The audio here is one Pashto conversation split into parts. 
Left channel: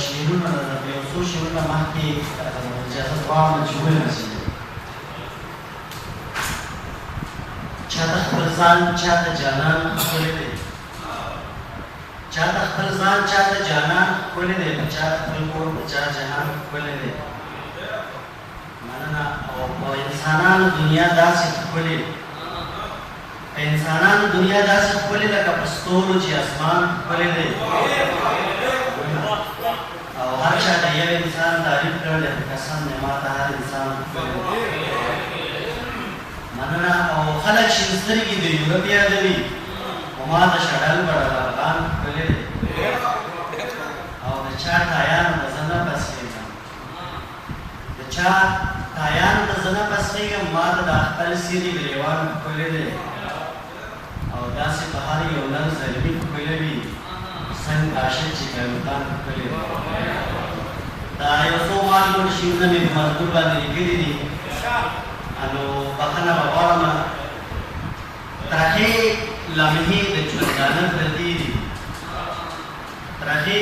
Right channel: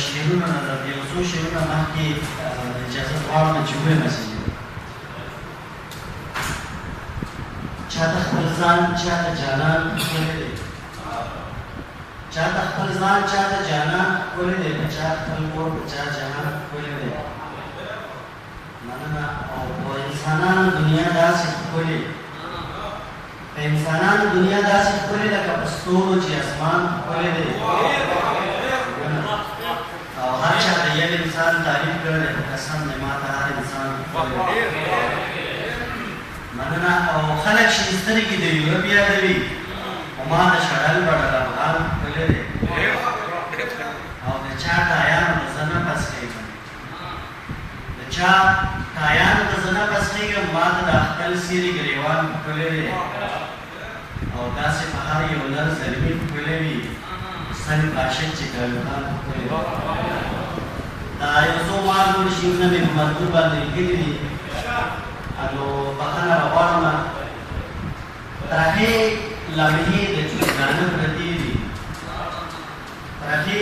شعرونه د یو څو شعرونه مخکې اجازه غواړم چې وویل چاته خپل ځان چاته جانان ښکلی دی چاته خپل ځان چاته جانان ښکلی دی په چا خپل کور په چا جهان ښکلی دی مننه او په انسانانو دنیا داسې ښکلې په انسانانو دنیا داسې ښکلې لکه په ستورو چې اسمان ښکلی دی او هر چا د یو انسان تعریف کړی دی په قسم دی ما ته هر انسان ښکلی دی مننه او خلک چې سترګې د یورپ یادوي خو ما د شډل بډل افغان ښکلی دی او د چا تایان به زه نه بس کېږم د چا تایان به زه نه بس کېږم ما ته د خپل سیري ګریوان ښکلی دی او داسې په هر یو نر زلمي ښکلی وي څنګ عاشق چې ګلوخان ښکلی دی دا یو څو مالګور شعرونه مې په مزدور باندې لیکلي دي نو بخښنه به غواړم ترخې لمحې د ژوندانه پرتې دي ترخې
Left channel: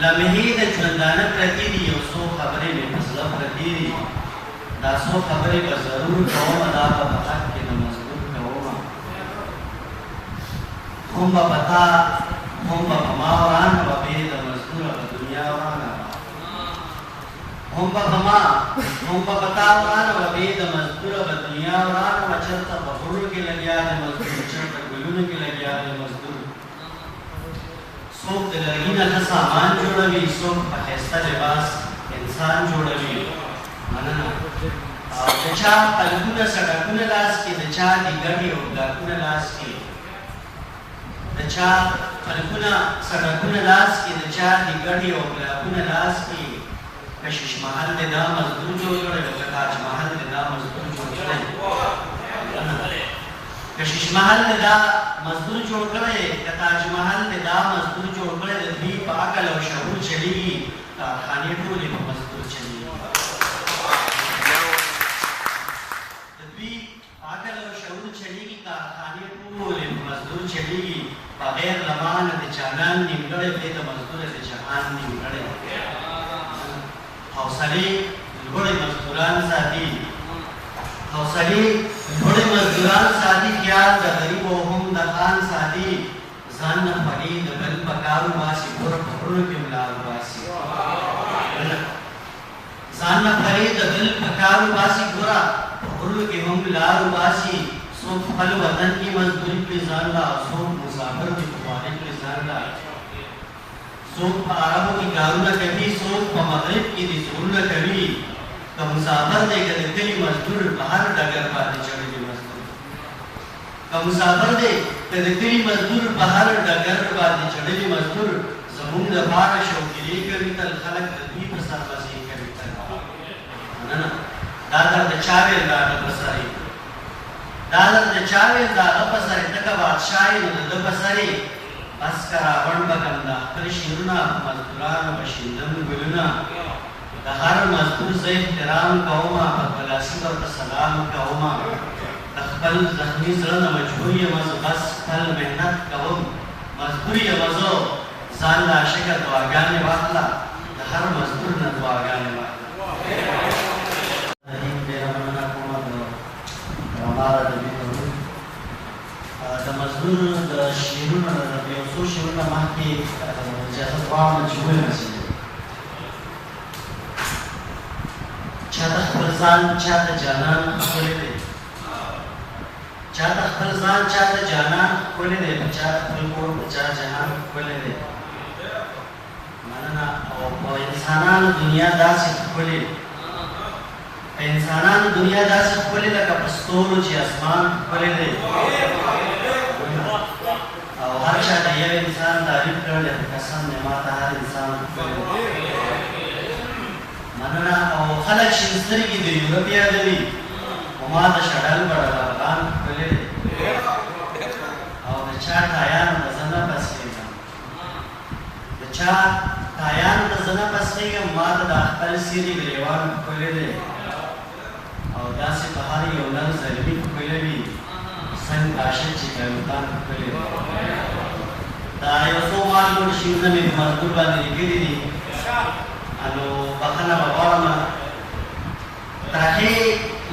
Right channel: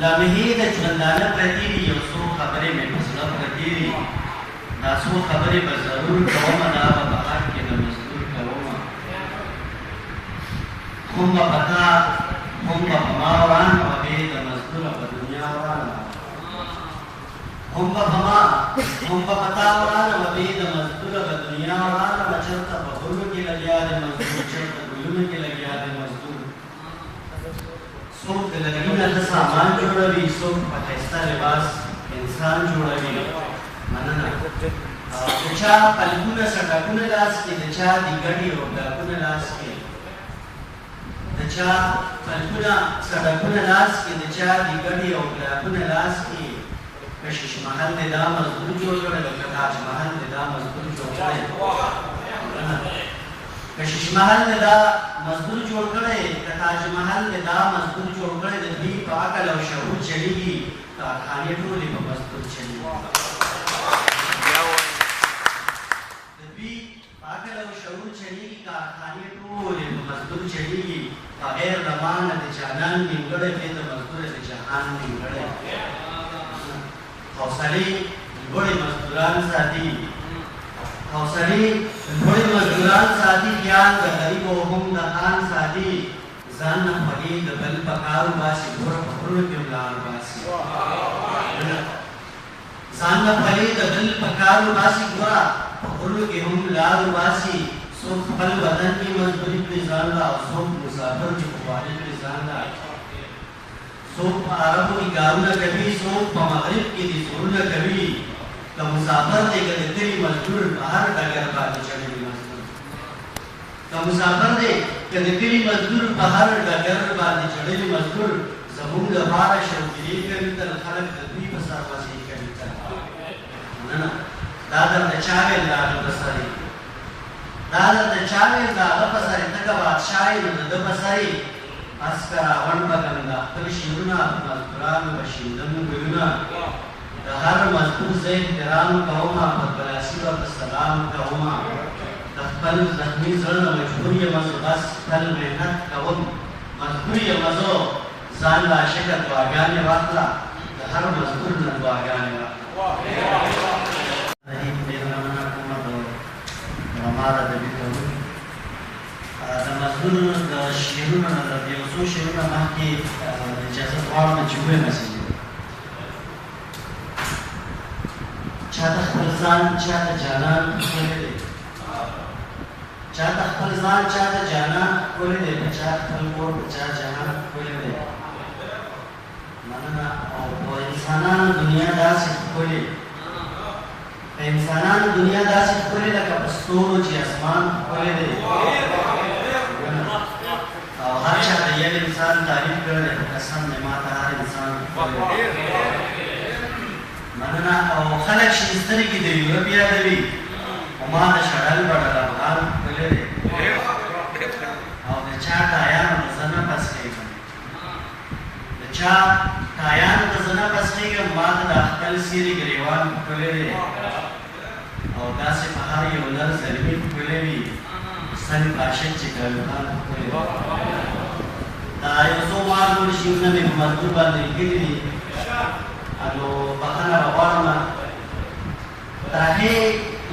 لمحې د ژوندانه پرتې دي یو څو خبرې مې په زړه پرتې دي دا څو خبرې به ضرور کوم دا به په حق کې د مزدور کوم هم به په تا هم به په ما وران به بې د مزدوره په دنیا ورانه هم به په ما هم به په تا ورانه به بې د مزدوره په دنیا ورانه به چېرته په غرو کې لګیا د مزدور چېرته ګلونو کې لګیا د مزدور څوک د لرګي نه ښه سامان جوړوي څوک په ښایسته لباس انسان جوړوي مننه د چا قلبونه سړکونه لاس کې د چا د ګډې او ډاکونه لاس کې د چا قلبونه سړکونه لاس کې د چا د ګډې او ډاکونه لاس کې کشیش محل دې دا مزدور جوړ کړی که تاج محل دې دا مزدور جوړ کړی کشیش محل دې دا مزدور جوړ کړی که تاج محل دې دا مزدور جوړ کړی د دوی په عقل او شعور چلیږي کارخانې ټولې په مزدور چلیږي د دوی په عقل او شعور چلیږي کارخانې ټولې په مزدور چلیږي بغیر لمانه د جانان نیمګړی دی د مزدوره د جهان نیمګړی حوصلې لوړې مزدوران ساتي حوصلې لوړې مزدوران ساتي خیال د غریب او هم د خان ساتي ځان نه خوږې د بل په کارو باسي ګوره په غرونو کې ملال باسي ځان نه خوږې د بل په کارو باسي ګوره په غرونو کې هم ملال باسي څوک خپل وطن کې مزدوري کړي ځان لا څوک مسافر کې خواري کړي ځان لا څوک په عربو کې کارونه کوي څوک په مغرب کې دي زړونه کوي که مسافر دی که د کلي مزدور په هر ډګر باندې چړلي مزدور که مسافر دی که د کلي مزدور په هر ډګر باندې چړلي مزدور زموږ دپاره شوقیلې کوي تل خلک د دوی په سر مزې کوي تل مننه دا درته چا ویل د هغه په سر دا درته چا ویل د هغه په سر ته که بادشاه یې نو د ده په سر بس که راوړ به کنده خپل شعرونه په مزدورانو به شیندم ګلونه د هر مزدور زه احترام کومه په خپلاسي ورته سلام کومه د خپل زخمي زړه نه مجبور یم زه بس خپل محنت کوم مزدور یم زه ځان له عاشقه دعاګانې واخله د هر مزدور نه دعاګانې واخله د مزدور د شعرونو د یو څو شعرونه مخکې اجازه غواړم چې وویل چاته خپل ځان چاته جانان ښکلی دی چاته خپل ځان چاته جانان ښکلی دی په چا خپل کور په چا جهان ښکلی دی مننه او په انسانانو دنیا داسې ښکلې په انسانانو دنیا داسې ښکلې لکه په ستورو چې اسمان ښکلی دی او هر چا د یو انسان تعریف کړی دی په قسم دی ما ته هر انسان ښکلی دی مننه او خلک چې سترګې د یورپ یادوي خو ما د شډل بډل افغان ښکلی دی او د چا تایان به زه نه بس کېږم د چا تایان به زه نه بس کېږم ما ته د خپل سیري ګریوان ښکلی دی او داسې په هر یو نر زلمي ښکلی وي څنګ عاشق چې ګلوخان ښکلی دی دا یو څو مالګون شیونه مې په مزدور باندې لیکلي دي نو بخښنه به غواړم ترخې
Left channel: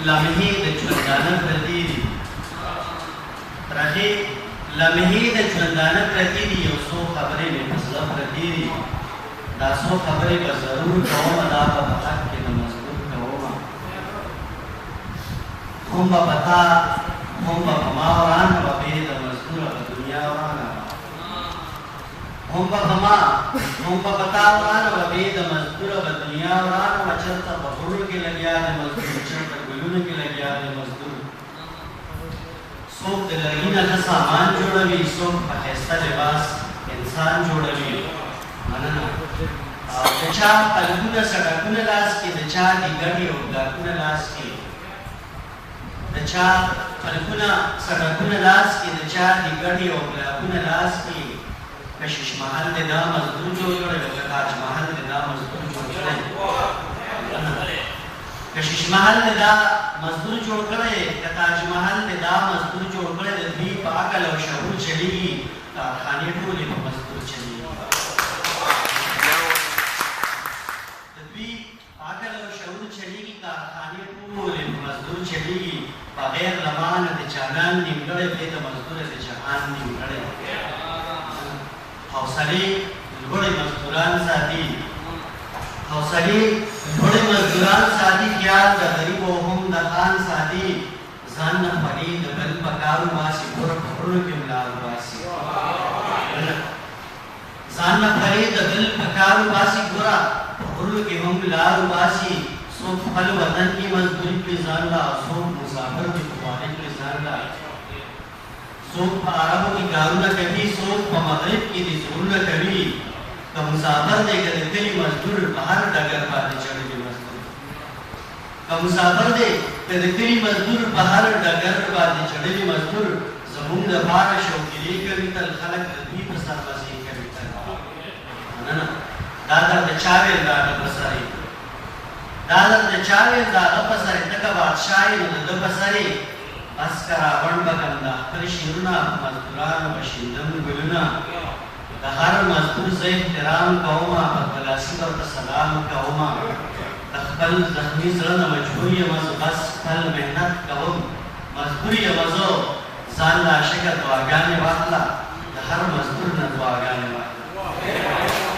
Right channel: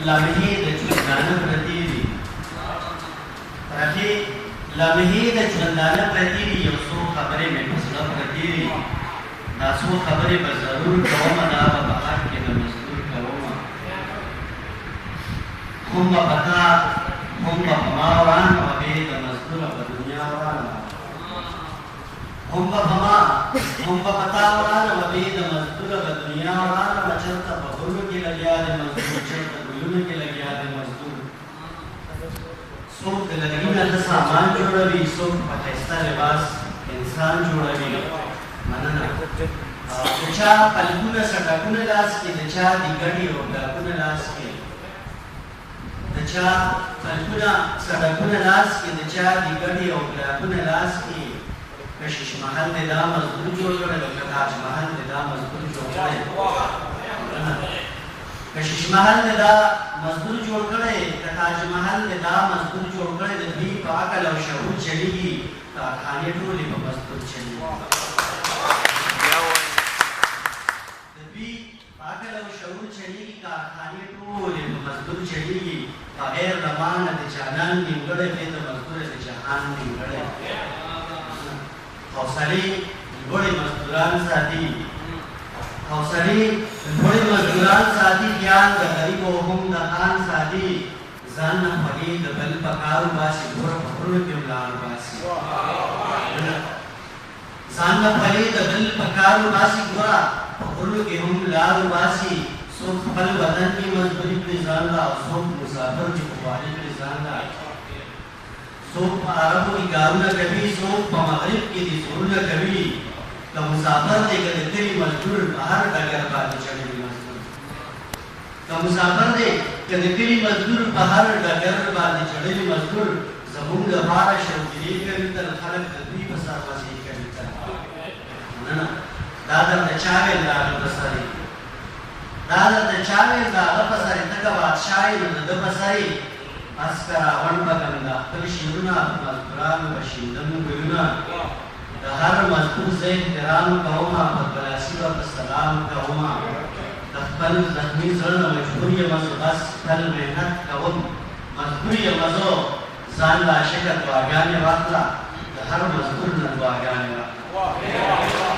لمحې د ژوندانه پرتې دي ترخې لمحې د ژوندانه پرتې دي یو څو خبرې مې په زړه پرتې دي دا څو خبرې به ضرور کوم دا به په حق کې د مزدور کوم هم به په تا هم به په ما وران به بې د مزدوره په دنیا ورانه هم به په ما هم به په تا ورانه به بې د مزدوره په دنیا ورانه به چېرته په غرو کې لګیا د مزدور چېرته ګلونو کې لګیا د مزدور څوک د لرګي نه ښه سامان جوړوي څوک په ښایسته لباس انسان جوړوي مننه د چا پلکونه سړکونه لاس کې د چا د ګډې او ډاکونه لاس کې د چا پلکونه سړکونه لاس کې د چا د ګډې او ډاکونه لاس کې کشیش محل دې دا مزدور جوړ کړی لکه تاج محل دې دا مزدور جوړ کړی کشیش محل دې دا مزدور جوړ کړی که تاج محل دې دا مزدور جوړ کړی د دوی په عقل او شعور چلیږي کارخانې ټولې په مزدور چلیږي عقل او شعور چلیږي کارخانې ټولې په مزدور چلیږي بغیر لمانه د جانان نیمګړی دی د مزدوره د جهان نیمګړی حوصلې لوړې مزدوران ساتي حوصلې لوړې مزدوران ساتي خیال د غریب او هم د خان ساتي ځان نه پرې د بل په کارو باسي ګوره په غرونو کې ملال باسي ځان نه پرې د بل په کارو باسي ګوره غرونو کې هم لار وباسي څوک خپل وطن کې مزدوري کړي ځان لا څوک مسافر دي په خواري کړي ځان لا څوک په عربو کې کارونه کوي څوک په مغرب کې دي زړونه کوي که مسافر دی که د کلي مزدور په هر ډګر باندې چړلي مزدور که مسافر دی که د کلي مزدور په هر ډګر باندې چړلي مزدور زموږ لپاره شوقیلې کوي تل خلک د دوی په سر مزې کوي تل مننه دا درد چاویل دا غپسری دا درد چاویل دا غپسری تکا بادشاہی نو دا غپسری بس کرا ون بگن دا خپل شیرونا مزدوران بشیندن گلونا دا هر مزدور سے احترام کوما مقبلاسی و سلام کوما دا خپل زخمی زرن مجبوری مزو بس خپل محنت کوم مزدوری مزو زان لا شکر دعاگانی واخلا دا هر مزدور نا دعاگانی واخلا